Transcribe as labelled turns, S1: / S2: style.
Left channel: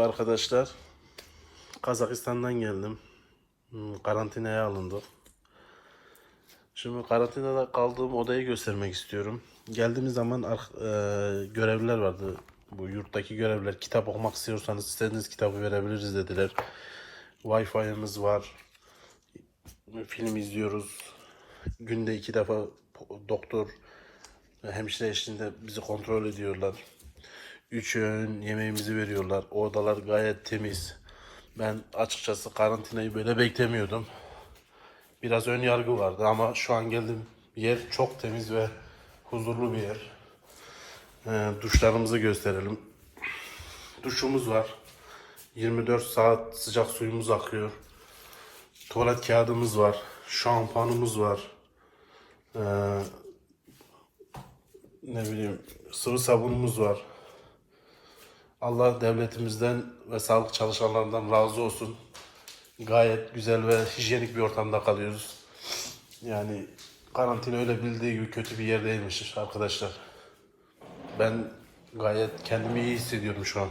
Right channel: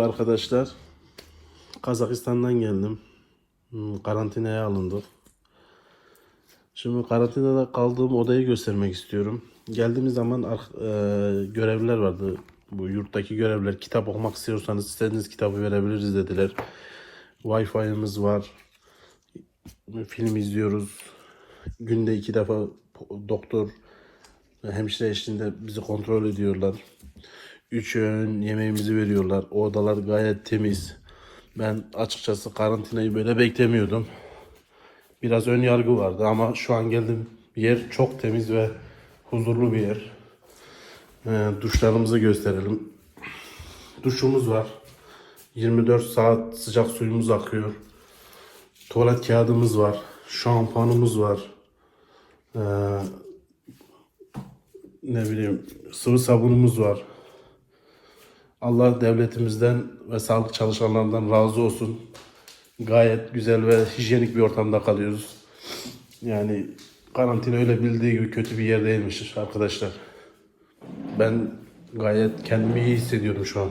S1: Merhaba arkadaşlar. Kazakistan'dan geldim. Hmm, Karantinaya alındık. Şimdi karantinada kaldığım odayı göstermek istiyorum. Geldiğimiz zaman e, görevliler vardı. Bu yurttaki görevliler kitap okumak istiyorsanız istediğiniz kitabı verebiliriz dediler. Wi-Fi'miz var. Film izliyoruz. Günde iki defa doktor hemşire eşliğinde bizi kontrol ediyorlar. Üç öğün yemeğimizi veriyorlar. O odalar gayet temiz. Ben açıkçası karantinayı böyle beklemiyordum. Biraz ön yargı vardı ama şu an geldim yer çok temiz ve huzurlu bir yer. Ee, duşlarımızı gösterelim. Duşumuz var. 24 saat sıcak suyumuz akıyor. Tuvalet kağıdımız var. Şampuanımız var. Ee, ne bileyim sıvı sabunumuz var. Allah devletimizden ve sağlık çalışanlarından razı olsun. Gayet güzel ve hijyenik bir ortamda kalıyoruz. Yani karantina öyle bildiği gibi kötü bir yer değilmiş arkadaşlar. Ben gayet kendimi iyi hissediyorum şu an.